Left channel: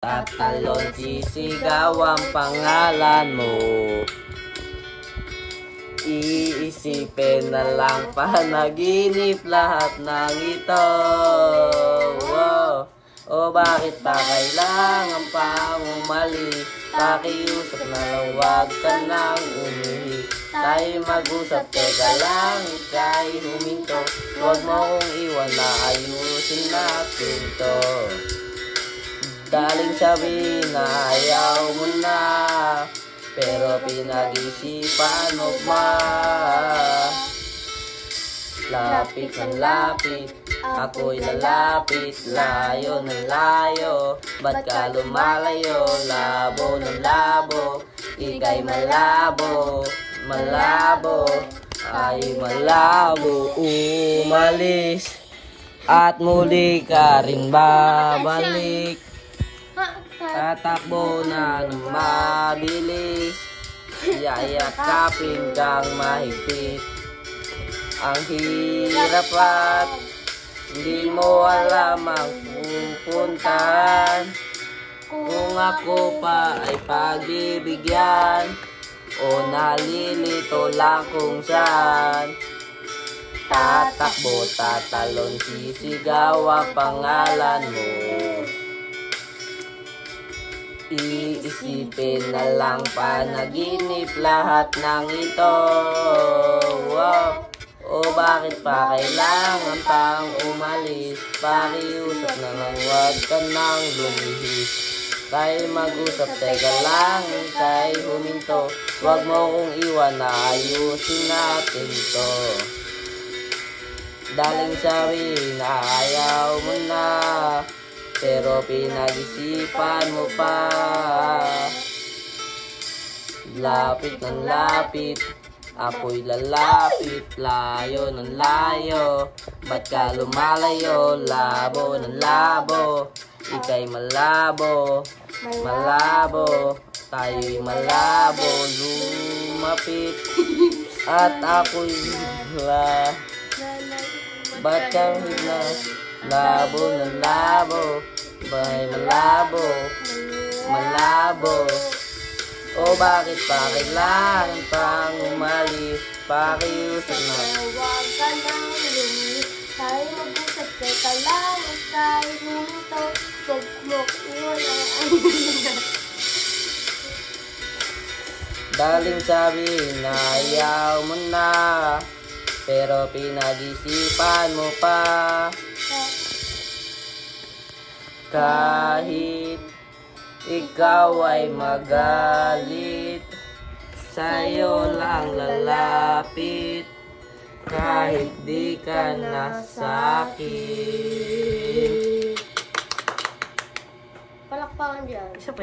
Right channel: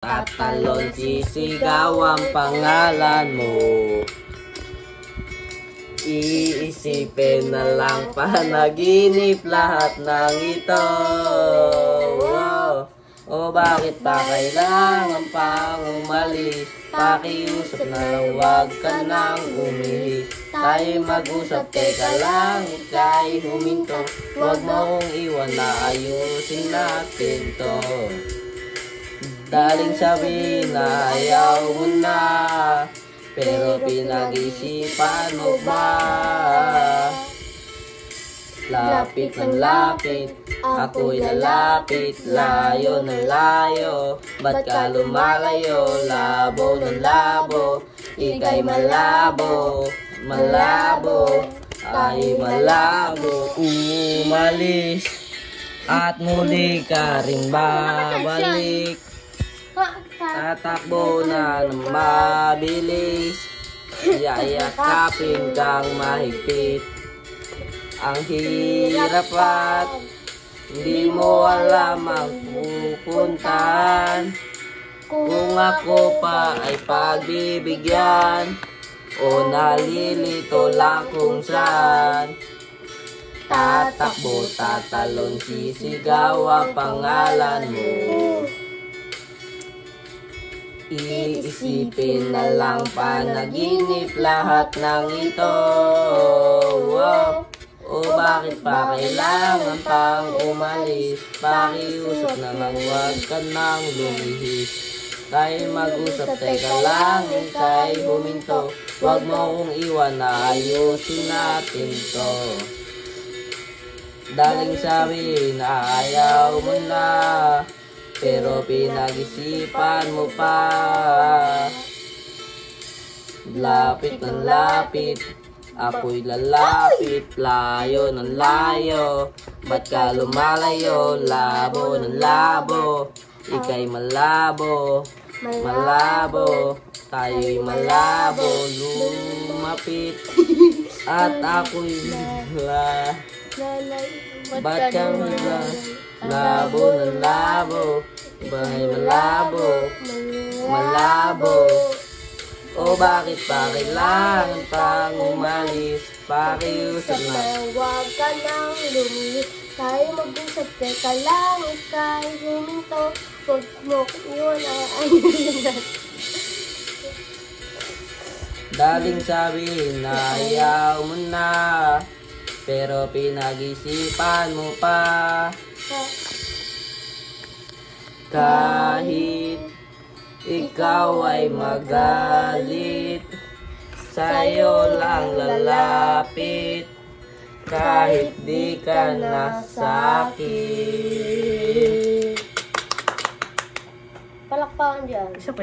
Tatalon, sisigaw ang pangalan mo. Iisipin na lang panaginip lahat ng ito. Wow. O bakit pa kailangan pang umalis? Pakiusap na lang, wag ka nang umihi. Tayo mag-usap, teka lang, ika'y huminto. Wag mo kong iwan na ayusin natin to. Daling sabihin na ayaw mo na, pero pinag-isipan mo pa. Lapit ng lapit, ako'y lalapit. Layo ng layo, ba't ka lumalayo? Labo ng labo, ika'y malabo. Malabo, ay malabo. Umalis, at muli ka rin babalik. Tatakbo na ng mabilis, yayakapin kang mahigpit. Ang hirap at hindi mo alam ang pupuntahan. Kung ako pa ay pagbibigyan, o nalilito lang kung saan. Tatakbo, tatalon, sisigaw ang pangalan mo. Iisipin na lang panaginip lahat ng ito. Wow. O bakit pa kailangan pang umalis? Pakiusap na lang, wag ka nang lumihis. Tayo mag-usap, teka lang, ika'y huminto. Wag mo kong iwan na ayusin natin to. Daling sabi na ayaw mo na, pero pinag-isipan mo pa. Lapit ng lapit, ako'y lalapit. Layo ng layo, ba't ka lumalayo? Labo ng labo, ika'y malabo. Malabo, tayo'y malabo. Lumapit, at ako'y ba't ka labo ng labo, bay malabo. Malabo, o bakit pa kailangan pang umalis? Pakiusap na wag ka nang lumihis. Tayo mag-usap, teka lang, ika'y huminto. Wag mo iwan na ayusin. daling sabihin na ayaw mo na, pero pinag-isipan mo pa. Kahit ikaw ay magalit, sa'yo lang lalapit. Kahit di ka nasakit. Palakpakan dyan. Isa pa.